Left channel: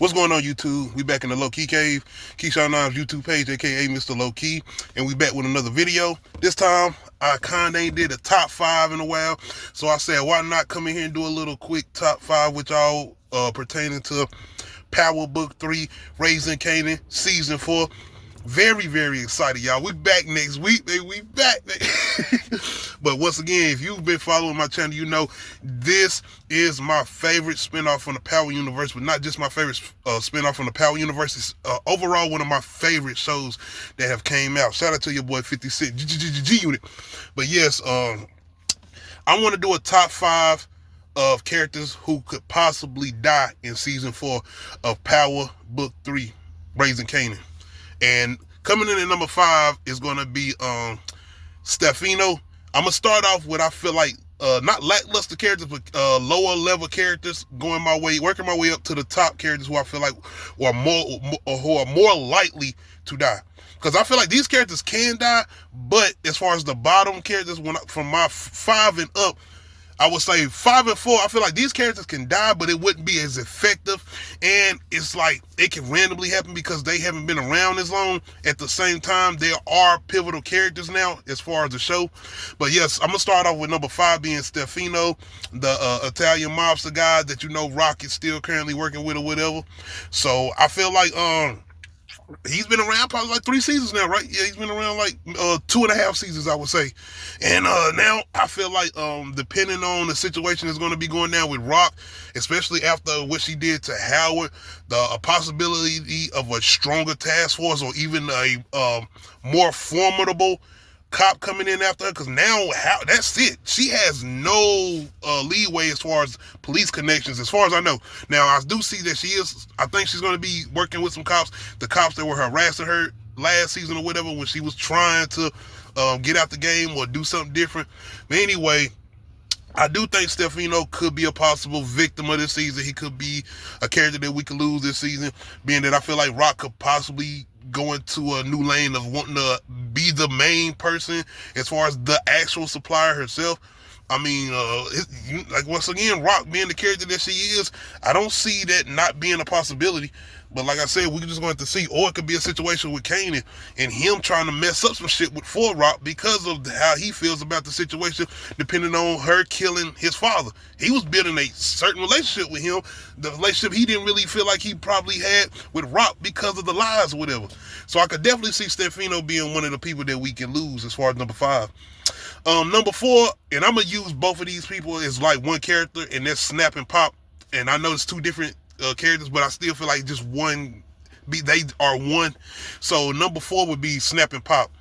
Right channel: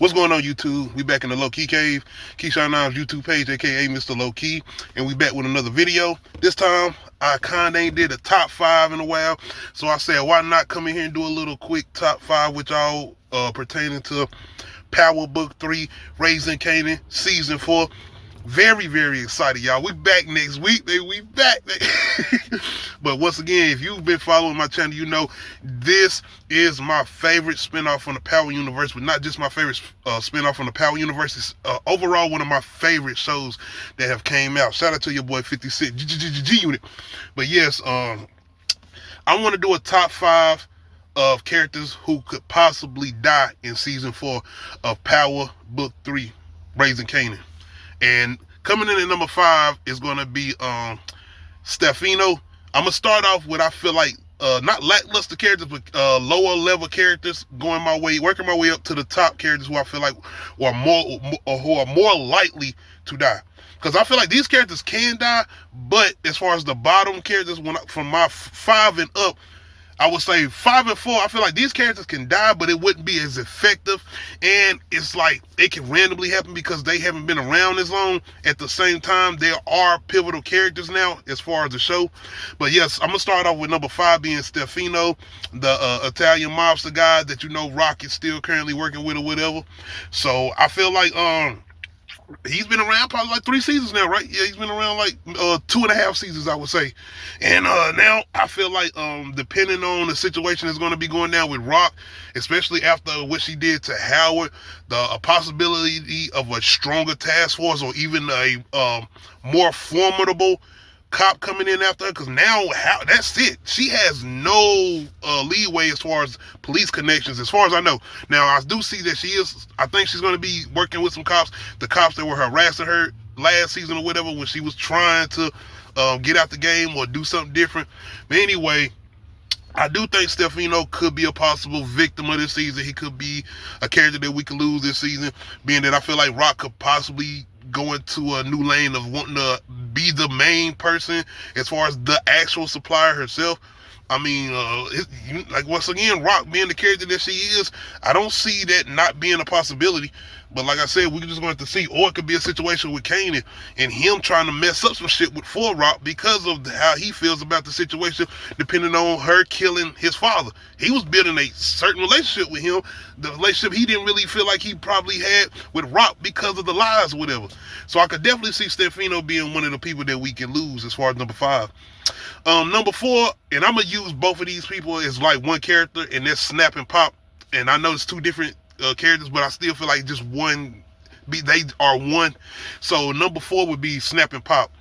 What's going on, YouTube? We back in the Low Key Cave, Keyshawn Nimes YouTube page, aka Mr. Low Key, and we back with another video. This time, I kinda ain't did a top 5 in a while, so I said, why not come in here and do a little quick top 5 with y'all pertaining to Power Book 3, Raising Kanan, Season 4. Very, very excited, y'all. We back next week. We back. But once again, if you've been following my channel, you know this is my favorite spinoff from the Power Universe, but not just my favorite spinoff from the Power Universe. It's overall one of my favorite shows that have came out. Shout out to your boy 56 G Unit. But yes, I want to do a top 5 of characters who could possibly die in Season 4 of Power Book 3, Raising Kanan. And coming in at number 5 is going to be Stefano. I'm going to start off with, I feel like, not lackluster characters, but lower level characters, working my way up to the top characters who I feel like are more likely to die. Because I feel like these characters can die, but as far as the bottom characters, from my 5 and up, I would say 5 and 4, I feel like these characters can die, but it wouldn't be as effective. And it's like it can randomly happen because they haven't been around as long. At the same time, there are pivotal characters now as far as the show. But yes, I'm going to start off with number 5 being Stefano, the Italian mobster guy that Rock is still currently working with or whatever. So I feel like he's been around probably like 3 seasons now, right? Yeah, he's been around like 2.5 seasons, I would say. And now I feel like depending on the situation that's going to be going down with Rock, especially after what she did to Howard, the possibility of a stronger task force or even a more formidable cop coming in after her, because now that's it. She has no leeway as far as police connections, as far as I know. Now, I do see that I think she's going to be working with some cops, the cops that were harassing her last season or whatever when she was trying to get out the game or do something different. But anyway, I do think Stefano could be a possible victim of this season. He could be a character that we could lose this season, being that I feel like Rock could possibly go into a new lane of wanting to be the main person as far as the actual supplier herself. I mean, like once again, Rock being the character that she is, I don't see that not being a possibility. But like I said, we're just going to see, or it could be a situation with Kanan and him trying to mess up some shit for Rock because of how he feels about the situation, depending on her killing his father. He was building a certain relationship with him, the relationship he didn't really feel like he probably had with Rock because of the lies or whatever. So I could definitely see Stefano being one of the people that we can lose as far as number 5. Number 4, and I'm going to use both of these people as like one character, and that's Snap and Pop. And I know it's 2 different characters, but I still feel like just they are one. So number 4 would be Snap and Pop.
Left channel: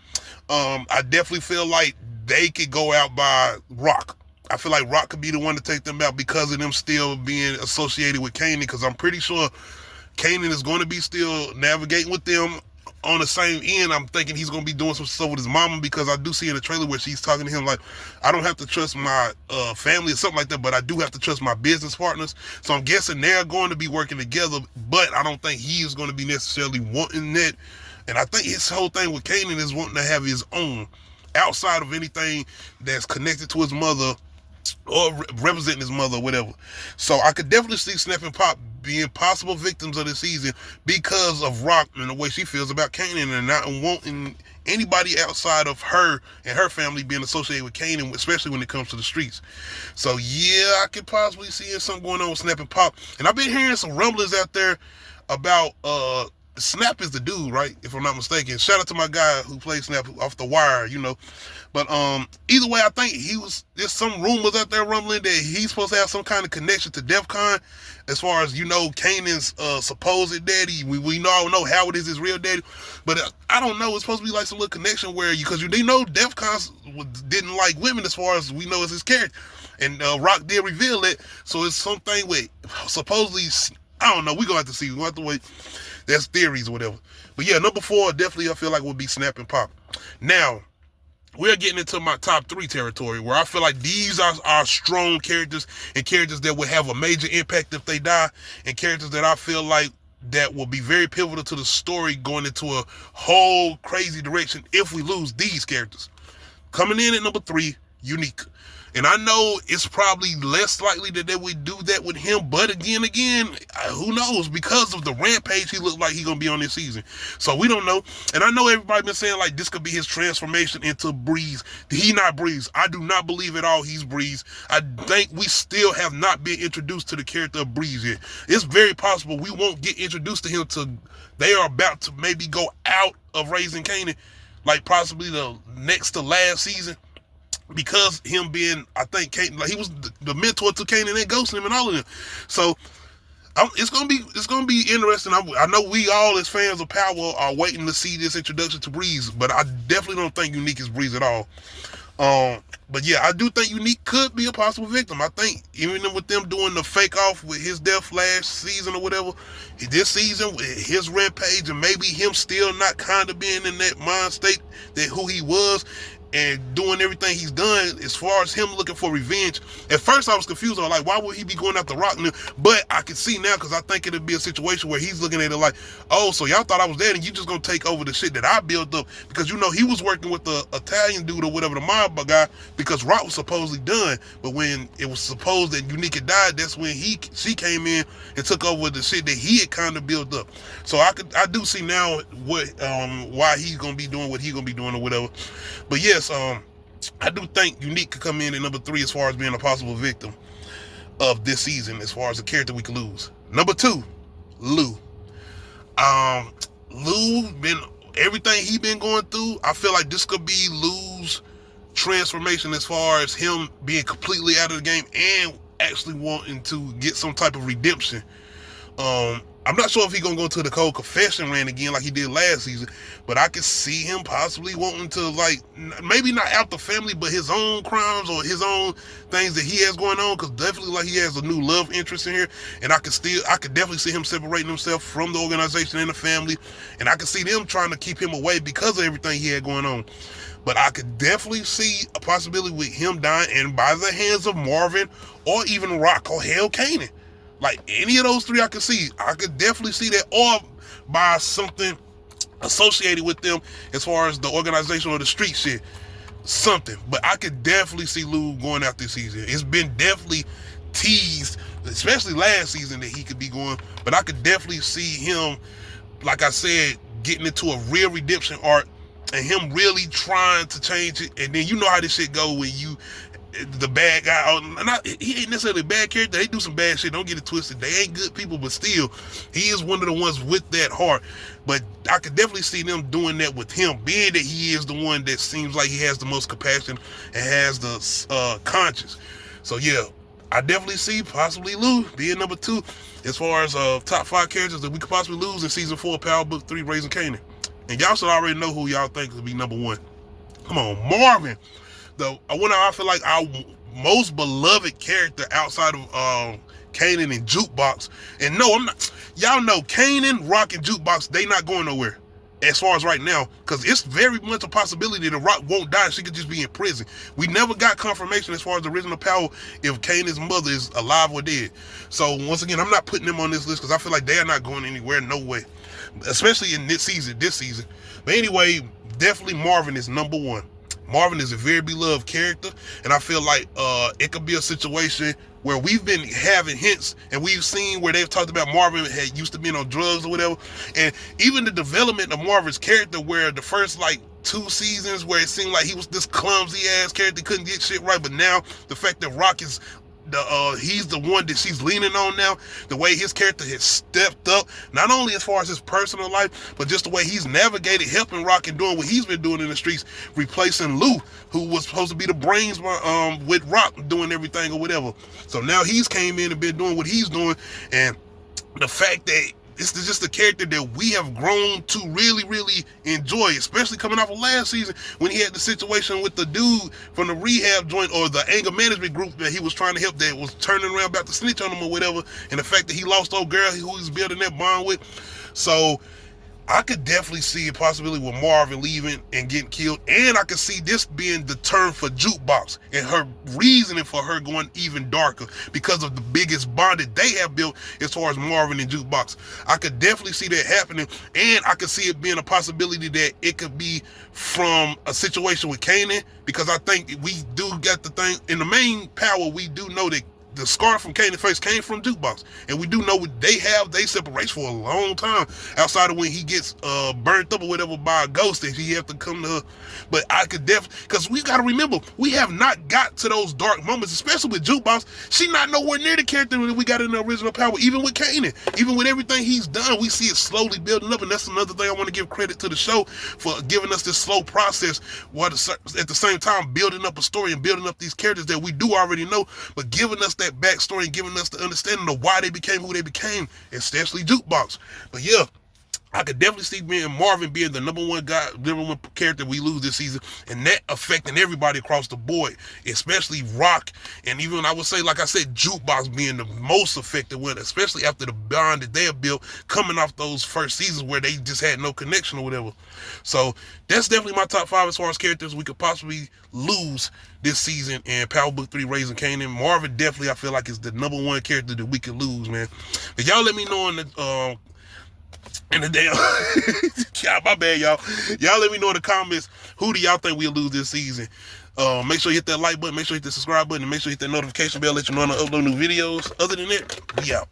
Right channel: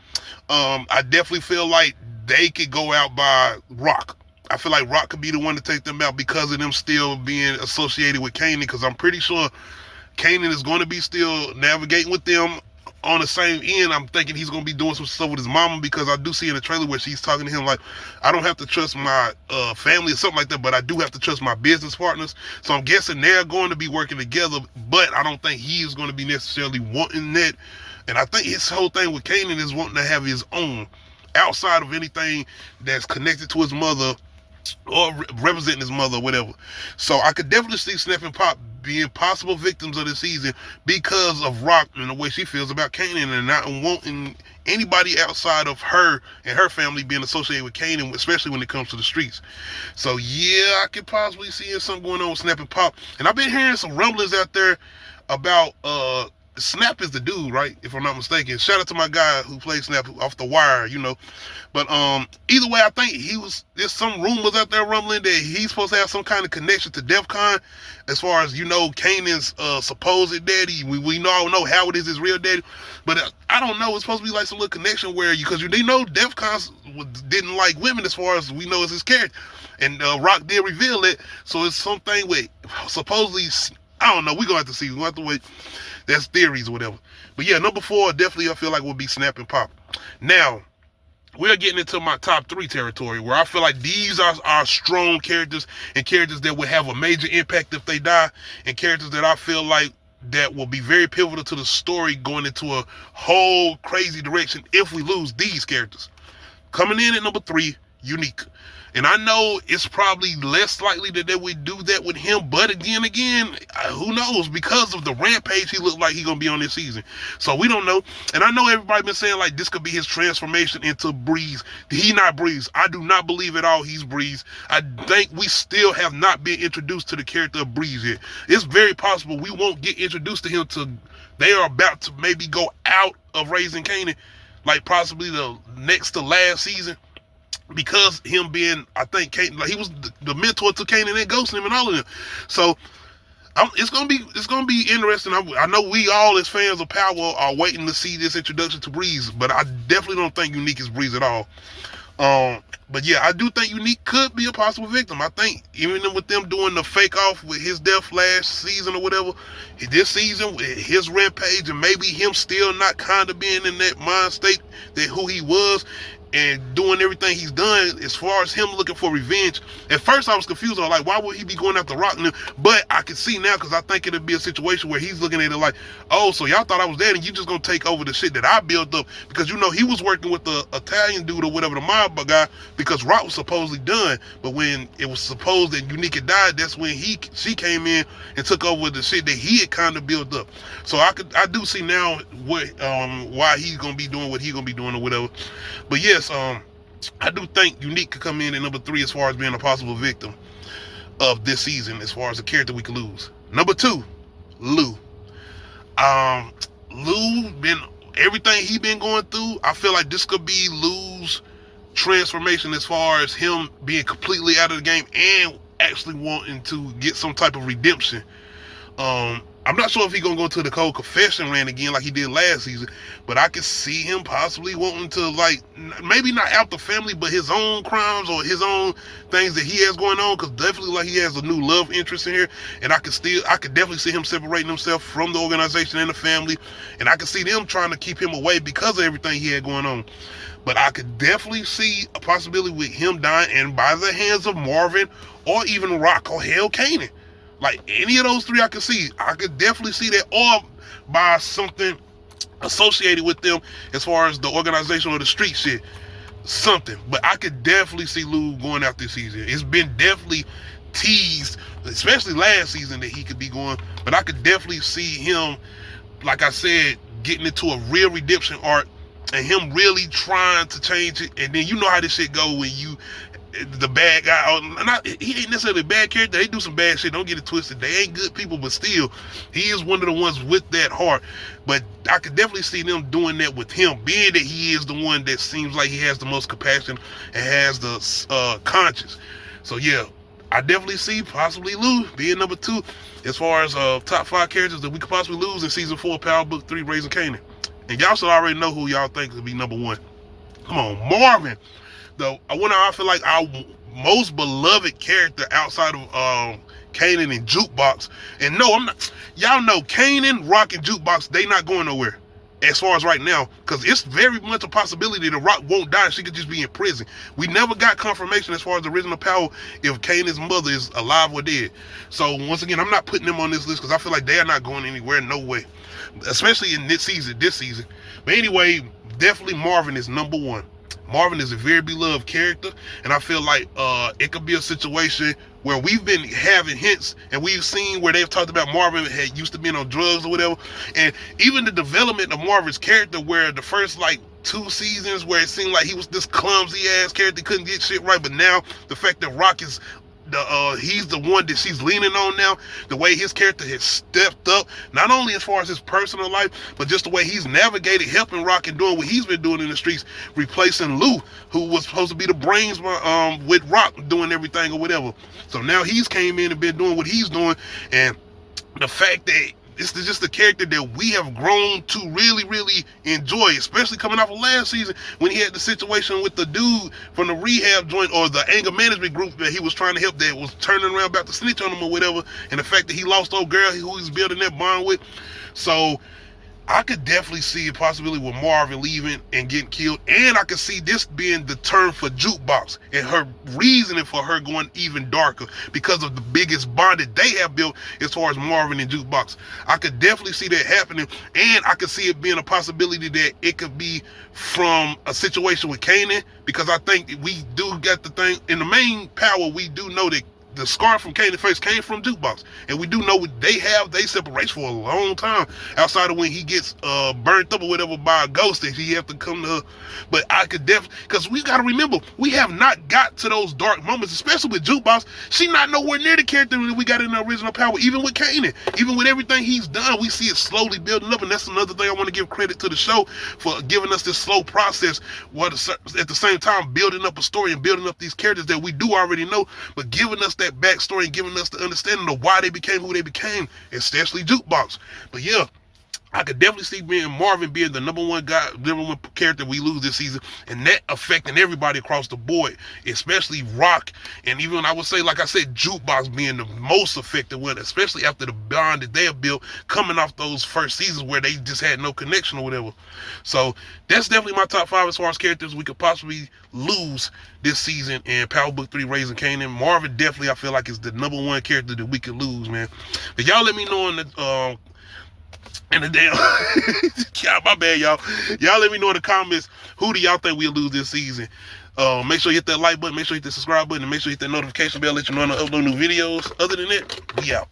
I definitely feel like they could go out by Rock. I feel like Rock could be the one to take them out because of them still being associated with Kanan, because I'm pretty sure Kanan is going to be still navigating with them on the same end. I'm thinking he's going to be doing some stuff with his mama, because I do see in the trailer where she's talking to him like, I don't have to trust my family or something like that, but I do have to trust my business partners. So I'm guessing they're going to be working together, but I don't think he is going to be necessarily wanting that. And I think his whole thing with Kanan is wanting to have his own outside of anything that's connected to his mother or representing his mother or whatever. So I could definitely see Snap and Pop being possible victims of this season because of Rock and the way she feels about Kanan, and not wanting anybody outside of her and her family being associated with Kanan, especially when it comes to the streets. So yeah, I could possibly see something going on with Snap and Pop. And I've been hearing some rumblings out there about Snap is the dude, right? If I'm not mistaken. Shout out to my guy who played Snap off The Wire, But either way, I think there's some rumors out there rumbling that he's supposed to have some kind of connection to DEF CON, as far as, Kanan's supposed daddy. We all know Howard is his real daddy, but I don't know. It's supposed to be like some little connection where because they know DEF CON didn't like women, as far as we know, as his character. And Rock did reveal it, so it's something with supposedly, I don't know. We're going to have to see. We're going to have to wait. That's theories or whatever. But yeah, number 4 definitely I feel like would be Snap and Pop. Now, we're getting into my top 3 territory, where I feel like these are strong characters and characters that will have a major impact if they die, and characters that I feel like that will be very pivotal to the story going into a whole crazy direction if we lose these characters. Coming in at number 3, Unique. And I know it's probably less likely that they would do that with him, but again, who knows? Because of the rampage he looked like he gonna be on this season. So we don't know. And I know everybody been saying like this could be his transformation into Breeze. He not Breeze. I do not believe at all he's Breeze. I think we still have not been introduced to the character of Breeze yet. It's very possible we won't get introduced to him till they are about to maybe go out of Raising Kanan, like possibly the next to last season. Because him being, I think, Kanan, like he was the mentor to Kanan and Ghost and all of them. So it's gonna be interesting. I know we all as fans of Power are waiting to see this introduction to Breeze, but I definitely don't think Unique is Breeze at all. But yeah, I do think Unique could be a possible victim. I think even with them doing the fake off with his death last season or whatever, this season with his rampage and maybe him still not kind of being in that mind state that who he was, and doing everything he's done as far as him looking for revenge. At first I was confused. I was like, why would he be going after Rock now? But I can see now, because I think it'll be a situation where he's looking at it like, oh, so y'all thought I was dead and you just gonna take over the shit that I built up. Because he was working with the Italian dude or whatever, the mob guy, because Rock was supposedly done. But when it was supposed that Unique had died, that's when she came in and took over the shit that he had kind of built up. So I do see now what why he's gonna be doing what he's gonna be doing or whatever. But yes, I do think Unique could come in at number 3 as far as being a possible victim of this season, as far as a character we could lose. Number 2, Lou. Lou been everything he been going through. I feel like this could be Lou's transformation as far as him being completely out of the game and actually wanting to get some type of redemption. I'm not sure if he's gonna go to the cold confession rant again like he did last season, but I could see him possibly wanting to, like, maybe not out the family, but his own crimes or his own things that he has going on, because definitely like he has a new love interest in here, and I could definitely see him separating himself from the organization and the family, and I could see them trying to keep him away because of everything he had going on. But I could definitely see a possibility with him dying, and by the hands of Marvin or even Rock or hell Kanan. Like any of those 3 I could see. I could definitely see that, or by something associated with them as far as the organization or the street shit. Something. But I could definitely see Lou going out this season. It's been definitely teased, especially last season, that he could be going. But I could definitely see him, like I said, getting into a real redemption arc and him really trying to change it. And then you know how this shit go when the bad guy, he ain't necessarily a bad character. They do some bad shit. Don't get it twisted. They ain't good people, but still, he is one of the ones with that heart. But I could definitely see them doing that with him, being that he is the one that seems like he has the most compassion and has the conscience. So yeah, I definitely see possibly Lou being number 2 as far as top 5 characters that we could possibly lose in season 4 of Power Book 3, Raising Kanan. And y'all should already know who y'all think could be number 1. Come on, Marvin. Though I feel like our most beloved character outside of Kanan and Jukebox. And no, I'm not. Y'all know Kanan, Rock, and Jukebox, they not going nowhere as far as right now, because it's very much a possibility that Rock won't die. She could just be in prison. We never got confirmation as far as the original Power if Kanan's mother is alive or dead. So once again, I'm not putting them on this list because I feel like they are not going anywhere, no way, especially in this season. But anyway, definitely Marvin is number 1. Marvin is a very beloved character, and I feel like it could be a situation where we've been having hints, and we've seen where they've talked about Marvin had used to be on drugs or whatever, and even the development of Marvin's character, where the first like 2 seasons where it seemed like he was this clumsy ass character, couldn't get shit right, but now the fact that Rock is he's the one that she's leaning on now, the way his character has stepped up, not only as far as his personal life, but just the way he's navigated, helping Rock and doing what he's been doing in the streets, replacing Lou, who was supposed to be the brains with Rock doing everything or whatever. So now he's came in and been doing what he's doing, and the fact that it's just a character that we have grown to really, really enjoy, especially coming off of last season when he had the situation with the dude from the rehab joint or the anger management group that he was trying to help that was turning around about to snitch on him or whatever, and the fact that he lost old girl who he's building that bond with. So I could definitely see a possibility with Marvin leaving and getting killed, and I could see this being the turn for Jukebox and her reasoning for her going even darker because of the biggest bond that they have built as far as Marvin and Jukebox. I could definitely see that happening, and I could see it being a possibility that it could be from a situation with Kanan, because I think we do get the thing in the main power. We do know that the scar from Kanan's face came from Jukebox, and we do know they separate for a long time outside of when he gets burnt up or whatever by a ghost and he have to come to her. But I could definitely, because we got to remember, we have not got to those dark moments, especially with Jukebox. She not nowhere near the character that we got in the original power. Even with Kanan, even with everything he's done, we see it slowly building up, and that's another thing I want to give credit to the show for giving us this slow process, while at the same time building up a story and building up these characters that we do already know, but giving us that backstory and giving us the understanding of why they became who they became, especially Jukebox. But yeah, I could definitely see Marvin being the number one character we lose this season, and that affecting everybody across the board, especially Rock, and even I would say, like I said, Jukebox being the most affected one, especially after the bond that they have built coming off those first seasons where they just had no connection or whatever. So that's definitely my top 5 as far as characters we could possibly lose this season in Power Book 3 Raising Kanan. Marvin definitely, I feel like, is the number one character that we could lose, man. But y'all let me know in the damn yeah, my bad, y'all let me know in the comments, who do y'all think we'll lose this season. Make sure you hit that like button, make sure you hit the subscribe button, and make sure you hit that notification bell, let you know when I upload new videos. Other than that, we out.